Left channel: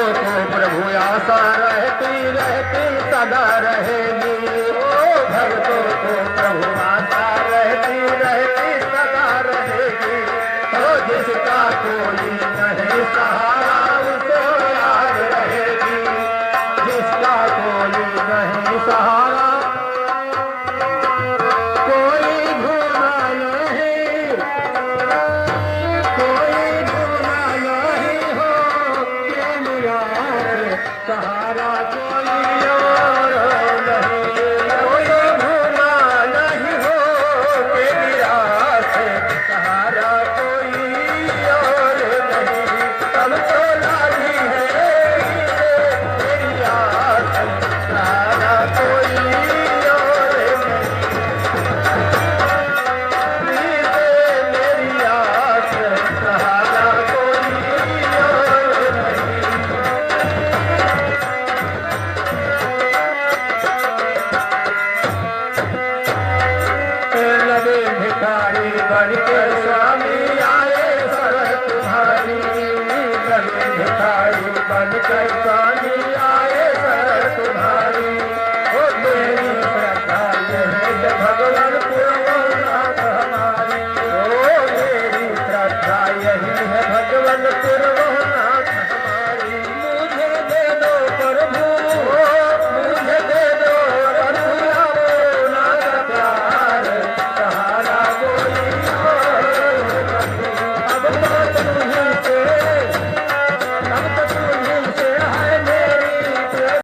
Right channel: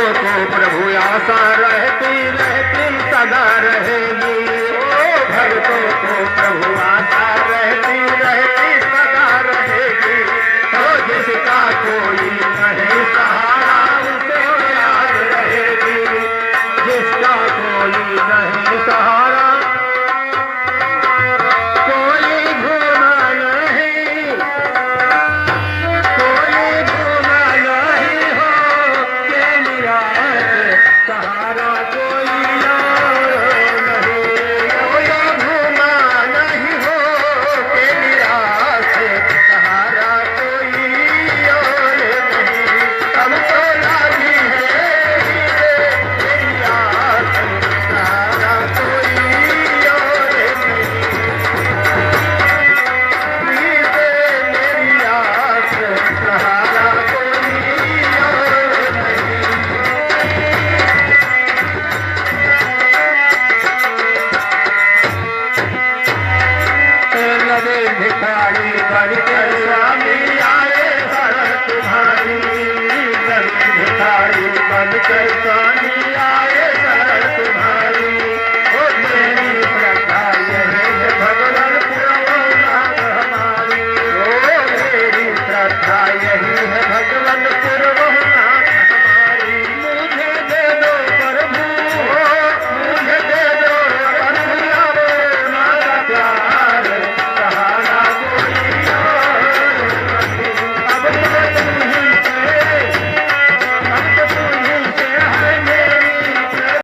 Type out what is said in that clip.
को प्रभु आशा रहती रहती सदा रहेगी। भक्तों को प्रभु आशा रहती रहती सदा रहेगी। तो जिसका कोई नहीं सहारा उसे याद रहेगी। जिसका कोई नहीं सहारा कोई घूमा नहीं, कोई घूमा नहीं हो के लिया सहारा।